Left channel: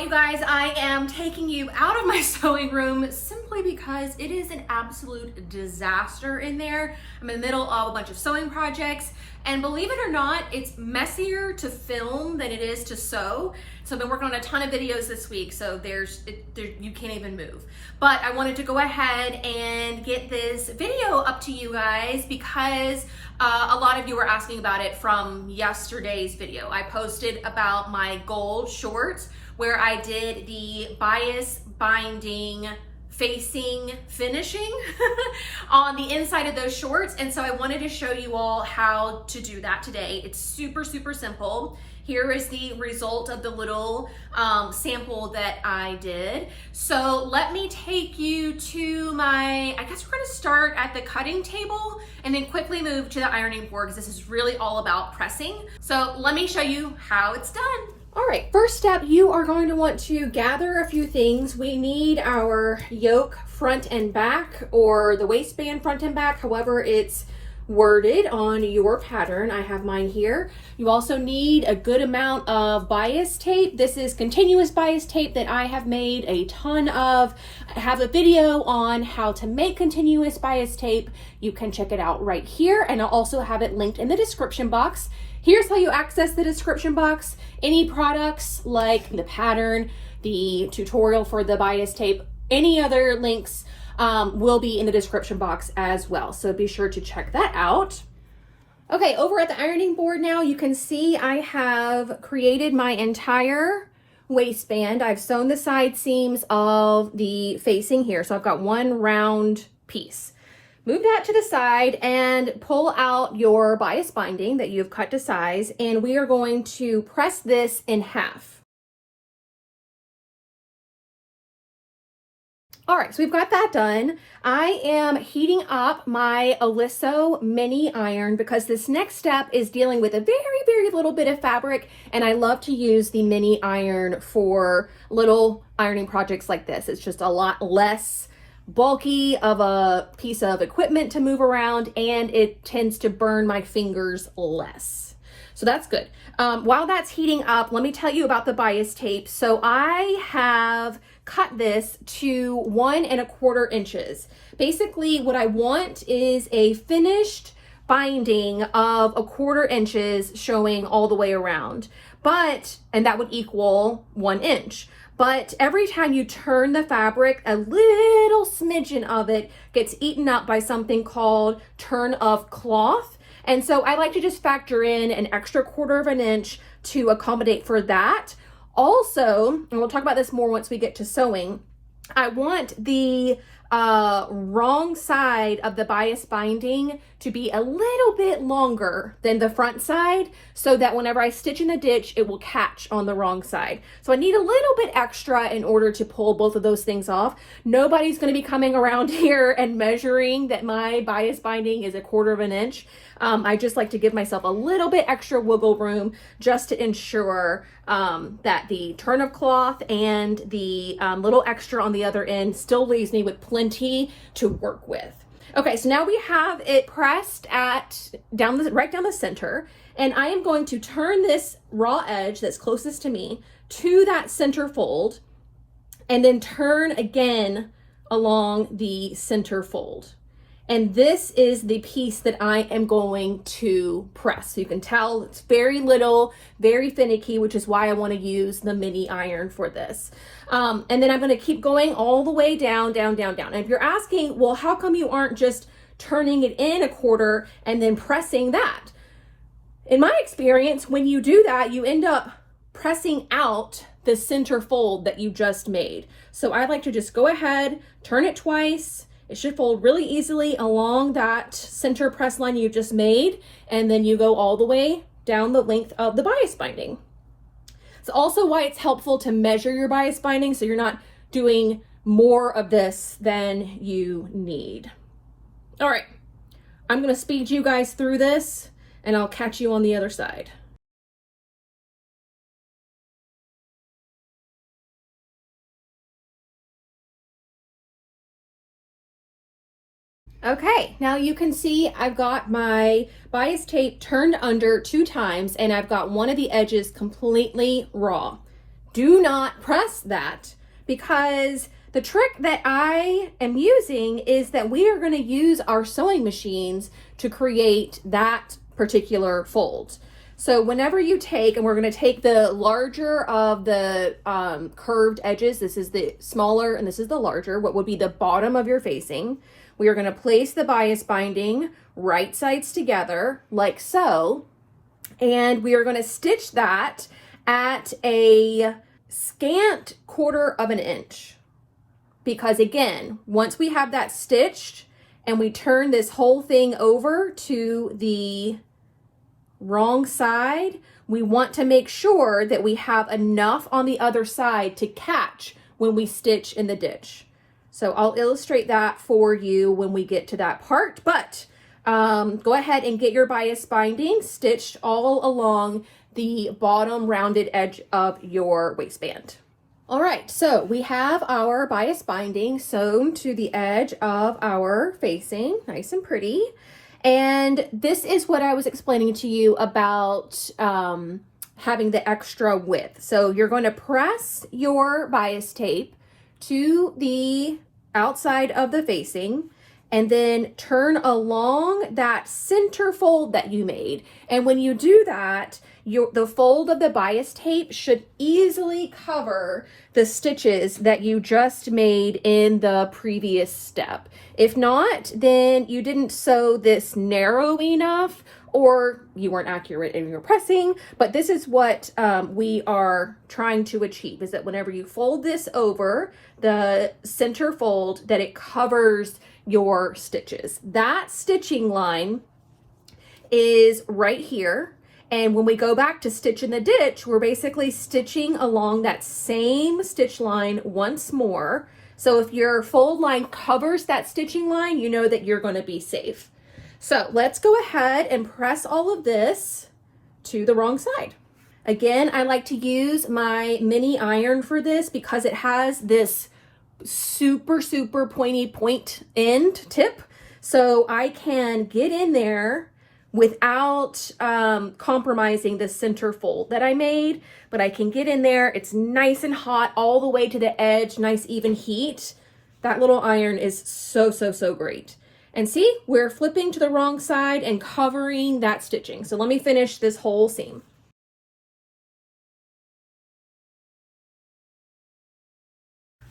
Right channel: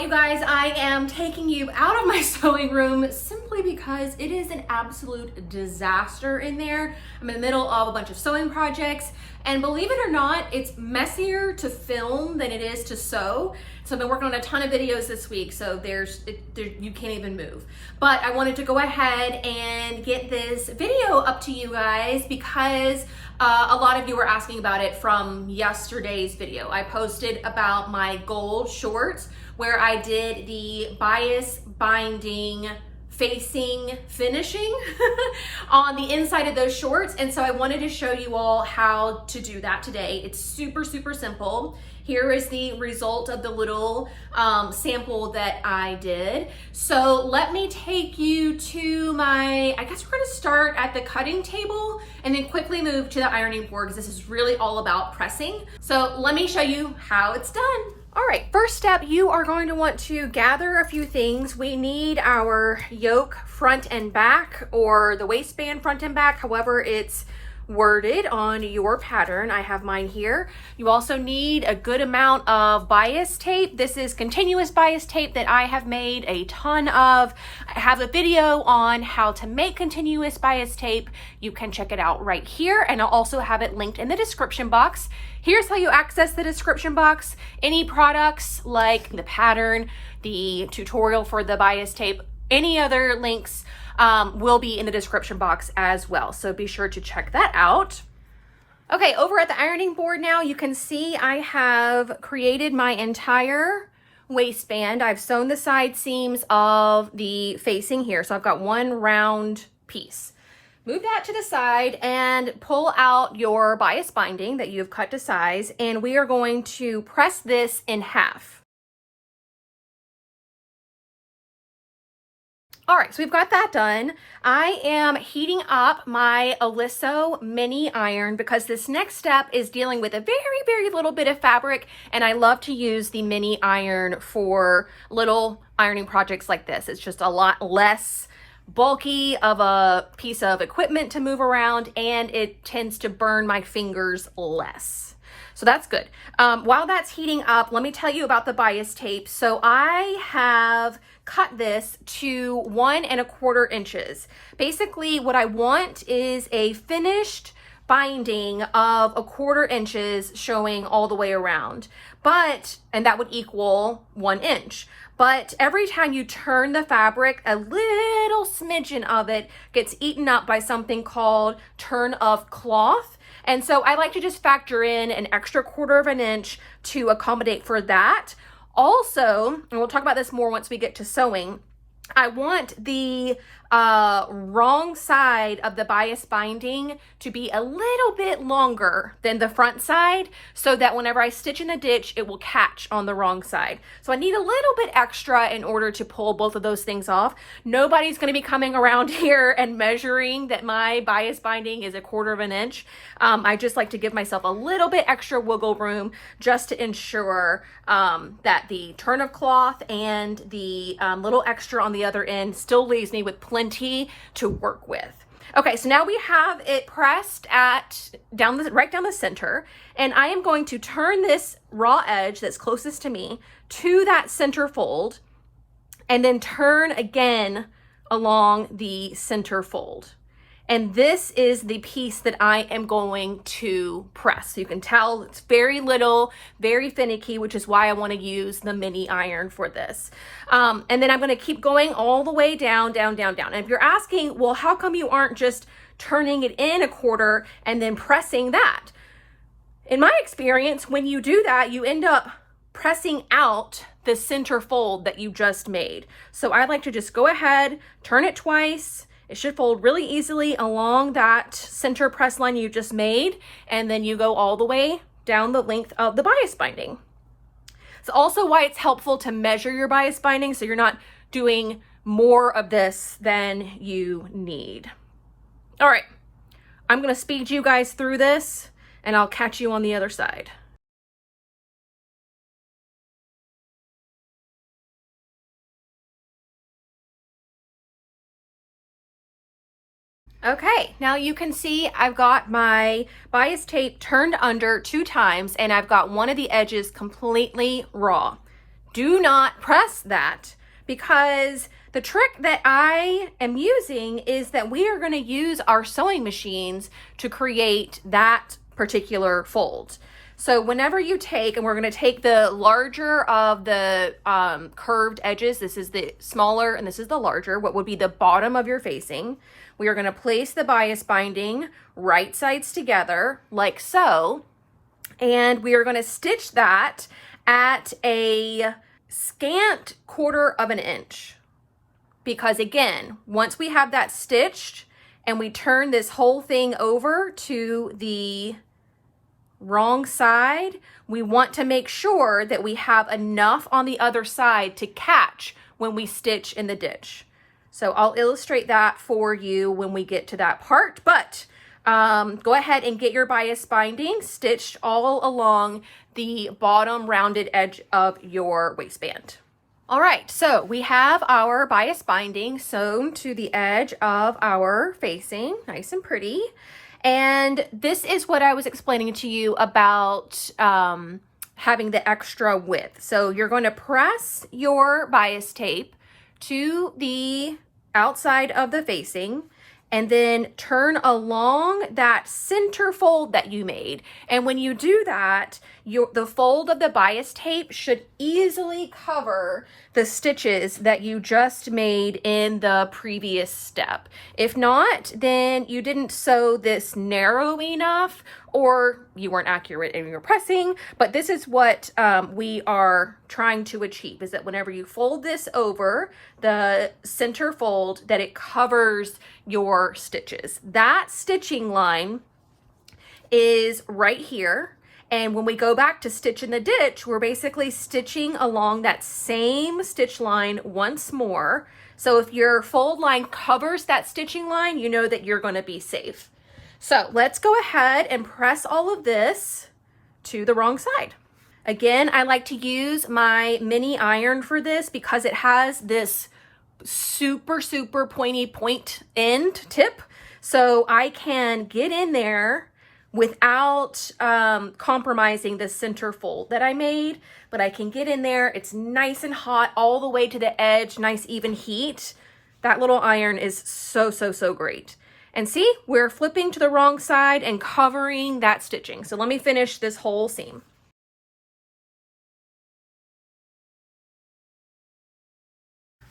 right, you guys, I am taking you out of my sewing room simply because it is an absolute disaster in there. I'm in the middle of a bunch of sewing projects, and believe it or not, it's messier to film than it is to sew. So I've been working on a ton of videos this week, so you can't even move. But I wanted to go ahead and get this video up to you guys because a lot of you were asking about it from yesterday's video. I posted about my gold shorts where I did the bias binding facing finishing on the inside of those shorts. And so I wanted to show you all how to do that today. It's super, super simple. Here is the result of the little sample that I did. So let me take you to I guess we're gonna start at the cutting table and then quickly move to the ironing board because this is really all about pressing. So let me show you how it's done. All right, first step, you are going to want to gather a few things. We need our yoke front and back, or the waistband front and back, however it's worded on your pattern. I have mine here. You also need a good amount of bias tape. This is continuous bias tape that I have made a ton of. I have a video on how to make continuous bias tape. You can check it out right here, and I'll also have it linked in the description box. Here's how you access the description box. Any products like the pattern, the tutorial for the bias tape, any other links will be in the description box as well. So be sure to check that out. Okay, over at the ironing board now, you can see I have created my entire waistband. I've sewn the side seams of the facing here. So I've got one round piece. Move that to the side and pull out your bias binding that you've cut to size, and we are going to press this in half. All right, so we've got that done. I am heating up my Oliso mini iron because this next step is dealing with a very, very little bit of fabric, and I love to use the mini iron for little ironing projects like this. It's just a lot less bulky of a piece of equipment to move around, and it tends to burn my fingers less. So that's good. While that's heating up, let me tell you about the bias tape. So I have cut this to 1 1/4 inches. Basically what I want is a finished binding of 1/4 inches showing all the way around, and that would equal 1 inch. But every time you turn the fabric, a little smidgen of it gets eaten up by something called turn of cloth. And so I like to just factor in an extra 1/4 inch to accommodate for that. Also, and we'll talk about this more once we get to sewing, I want the wrong side of the bias binding to be a little bit longer than the front side so that whenever I stitch in the ditch, it will catch on the wrong side. So I need a little bit extra in order to pull both of those things off. Nobody's going to be coming around here and measuring that my bias binding is 1/4 inch. I just like to give myself a little bit extra wiggle room just to ensure that the turn of cloth and the little extra on the other end still leaves me with plenty to work with. Okay, so now we have it pressed right down the center, and I am going to turn this raw edge that's closest to me to that center fold, and then turn again along the center fold. And this is the piece that I am going to press. So you can tell it's very little, very finicky, which is why I want to use the mini iron for this. And then I'm going to keep going all the way down, down, down, down. And if you're asking, well, how come you aren't just turning it in 1/4 and then pressing that? In my experience, when you do that, you end up pressing out the center fold that you just made. So I like to just go ahead, turn it twice. It should fold really easily along that center press line you just made, and then you go all the way down the length of the bias binding. It's also why it's helpful to measure your bias binding so you're not doing more of this than you need. All right, I'm gonna speed you guys through this, and I'll catch you on the other side. Okay, now you can see I've got my bias tape turned under 2 times, and I've got one of the edges completely raw. do not press that, because the trick that I am using is that we are going to use our sewing machines to create that particular fold. So whenever you take, and we're going to take the larger of the curved edges, this is the smaller and this is the larger, what would be the bottom of your facing. We are going to place the bias binding right sides together like so, and we are going to stitch that at a scant 1/4 of an inch. Because again, once we have that stitched and we turn this whole thing over to the wrong side, we want to make sure that we have enough on the other side to catch when we stitch in the ditch. So I'll illustrate that for you when we get to that part, but go ahead and get your bias binding stitched all along the bottom rounded edge of your waistband. All right, so we have our bias binding sewn to the edge of our facing, nice and pretty. And this is what I was explaining to you about having the extra width. So you're going to press your bias tape to the outside of the facing and then turn along that center fold that you made. And when you do that, the fold of the bias tape should easily cover the stitches that you just made in the previous step. If not, then you didn't sew this narrow enough, or you weren't accurate in your pressing. But this is what we are trying to achieve, is that whenever you fold this over the center fold, that it covers your stitches. That stitching line is right here. And when we go back to stitch in the ditch, we're basically stitching along that same stitch line once more. So if your fold line covers that stitching line, you know that you're going to be safe. So let's go ahead and press all of this to the wrong side. Again, I like to use my mini iron for this because it has this super pointy point end tip. So I can get in there without compromising the center fold that I made, but I can get in there. It's nice and hot all the way to the edge, nice even heat. That little iron is so great. And see, we're flipping to the wrong side and covering that stitching. So let me finish this whole seam.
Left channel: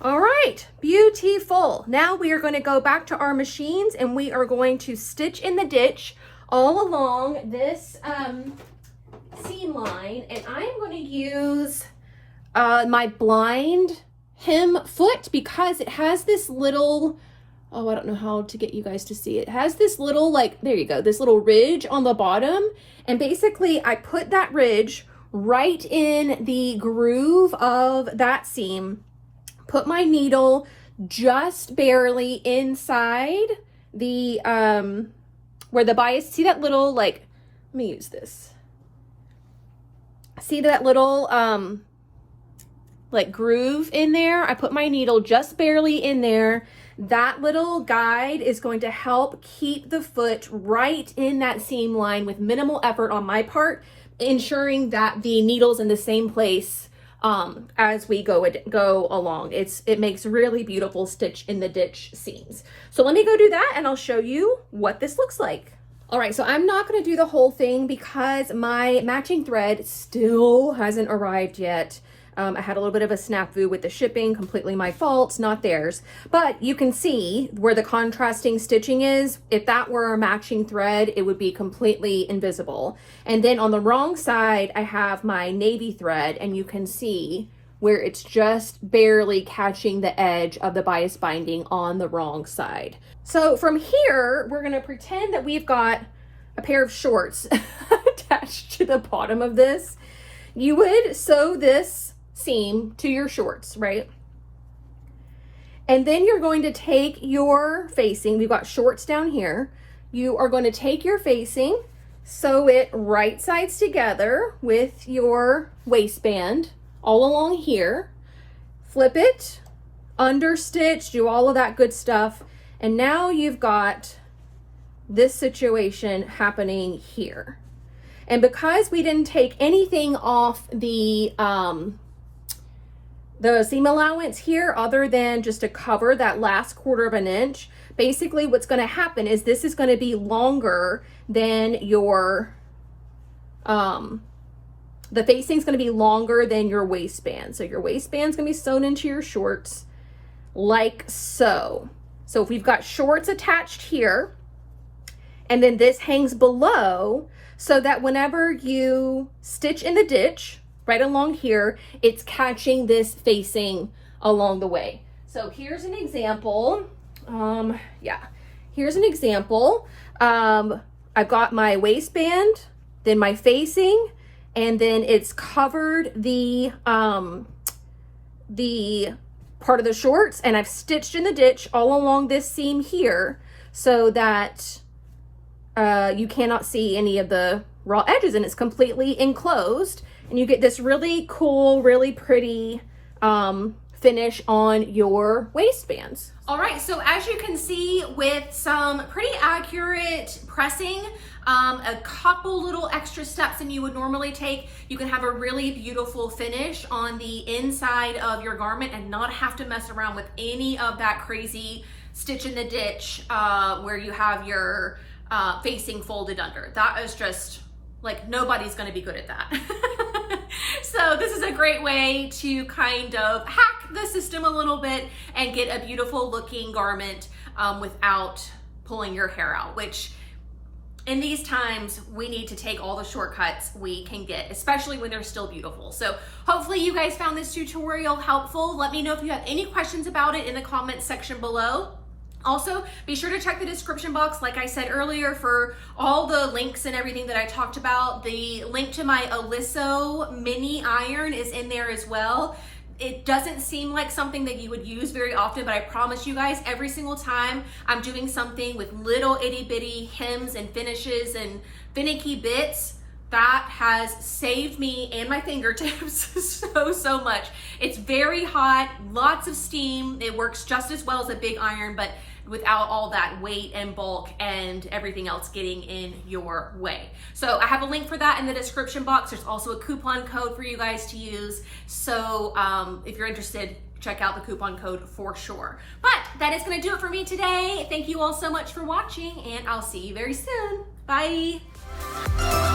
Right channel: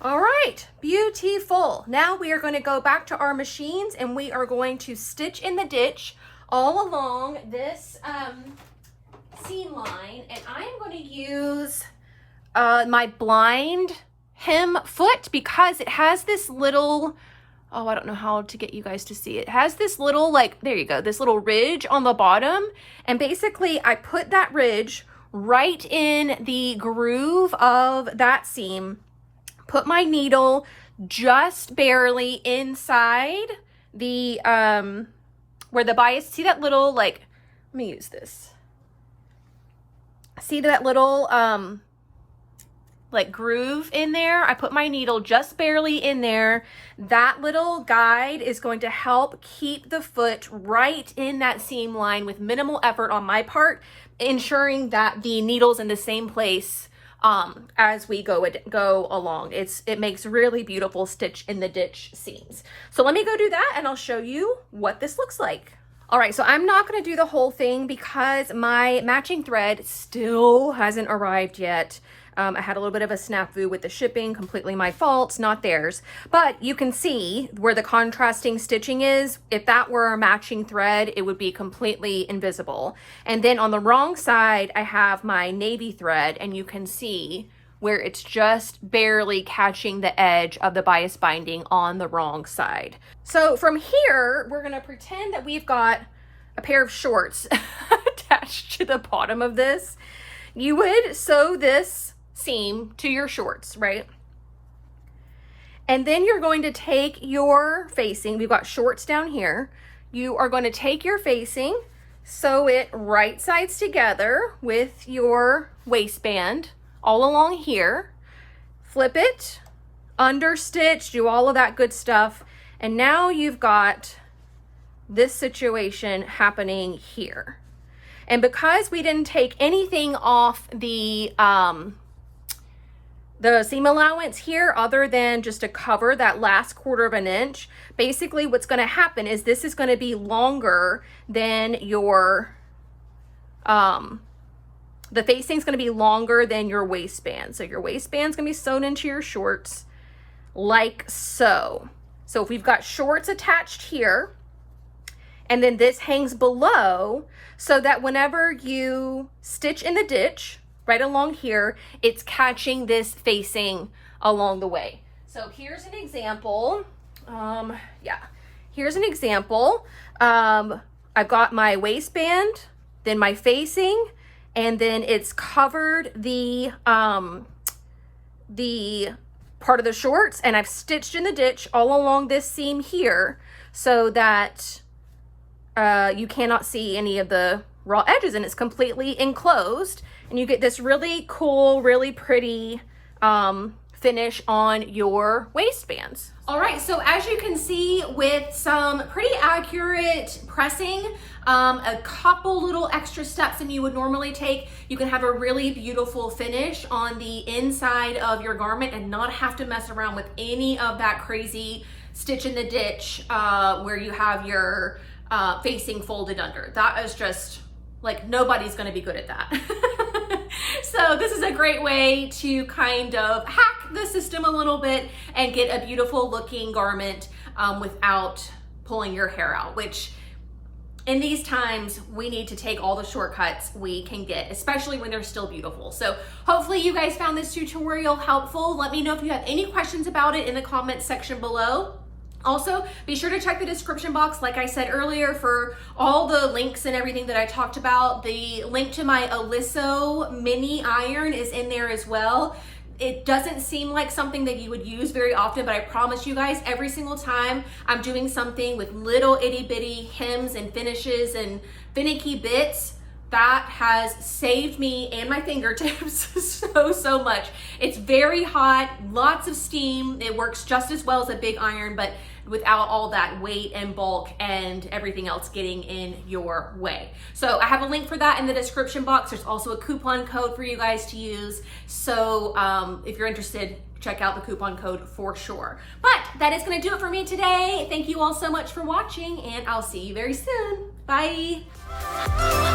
All right, beautiful. Now we are going to go back to our machines and we are going to stitch in the ditch all along this seam line, and I'm going to use my blind hem foot because it has this little, oh, I don't know how to get you guys to see it. It has this little, like, there you go, this little ridge on the bottom, and basically I put that ridge right in the groove of that seam, put my needle just barely inside the where the bias, see that little, like, let me use this. See that little, like, groove in there? I put my needle just barely in there. That little guide is going to help keep the foot right in that seam line with minimal effort on my part, ensuring that the needle's in the same place as we go along. It makes really beautiful stitch in the ditch seams. So let me go do that and I'll show you what this looks like. All right, so I'm not going to do the whole thing because my matching thread still hasn't arrived yet. I had a little bit of a snafu with the shipping, completely my fault, not theirs. But you can see where the contrasting stitching is. If that were a matching thread, it would be completely invisible. And then on the wrong side, I have my navy thread, and you can see where it's just barely catching the edge of the bias binding on the wrong side. So from here, we're gonna pretend that we've got a pair of shorts attached to the bottom of this. You would sew this seam to your shorts, right? And then you're going to take your facing, we've got shorts down here. You are going to take your facing, sew it right sides together with your waistband all along here, flip it, understitch, do all of that good stuff. And now you've got this situation happening here. And because we didn't take anything off the the seam allowance here, other than just to cover that last 1/4 of an inch, basically what's going to happen is this is going to be longer than your, the facing is going to be longer than your waistband. So your waistband's going to be sewn into your shorts like so. So if we've got shorts attached here, and then this hangs below, so that whenever you stitch in the ditch right along here, it's catching this facing along the way. So here's an example. Here's an example. I've got my waistband, then my facing, and then it's covered the part of the shorts, and I've stitched in the ditch all along this seam here so that you cannot see any of the raw edges, and it's completely enclosed, and you get this really cool, really pretty finish on your waistbands. All right, so as you can see, with some pretty accurate pressing, a couple little extra steps than you would normally take, you can have a really beautiful finish on the inside of your garment and not have to mess around with any of that crazy stitch in the ditch where you have your facing folded under. That is just like, nobody's going to be good at that. So this is a great way to kind of hack the system a little bit and get a beautiful looking garment without pulling your hair out, which in these times we need to take all the shortcuts we can get, especially when they're still beautiful. So hopefully you guys found this tutorial helpful. Let me know if you have any questions about it in the comments section below. Also, be sure to check the description box, like I said earlier, for all the links and everything that I talked about. The link to my Oliso mini iron is in there as well. It doesn't seem like something that you would use very often, but I promise you guys, every single time I'm doing something with little itty bitty hems and finishes and finicky bits, that has saved me and my fingertips so much. It's very hot, lots of steam. It works just as well as a big iron, but without all that weight and bulk and everything else getting in your way. So I have a link for that in the description box. There's also a coupon code for you guys to use. So if you're interested, check out the coupon code for sure. But that is gonna do it for me today. Thank you all so much for watching, and I'll see you very soon. Bye.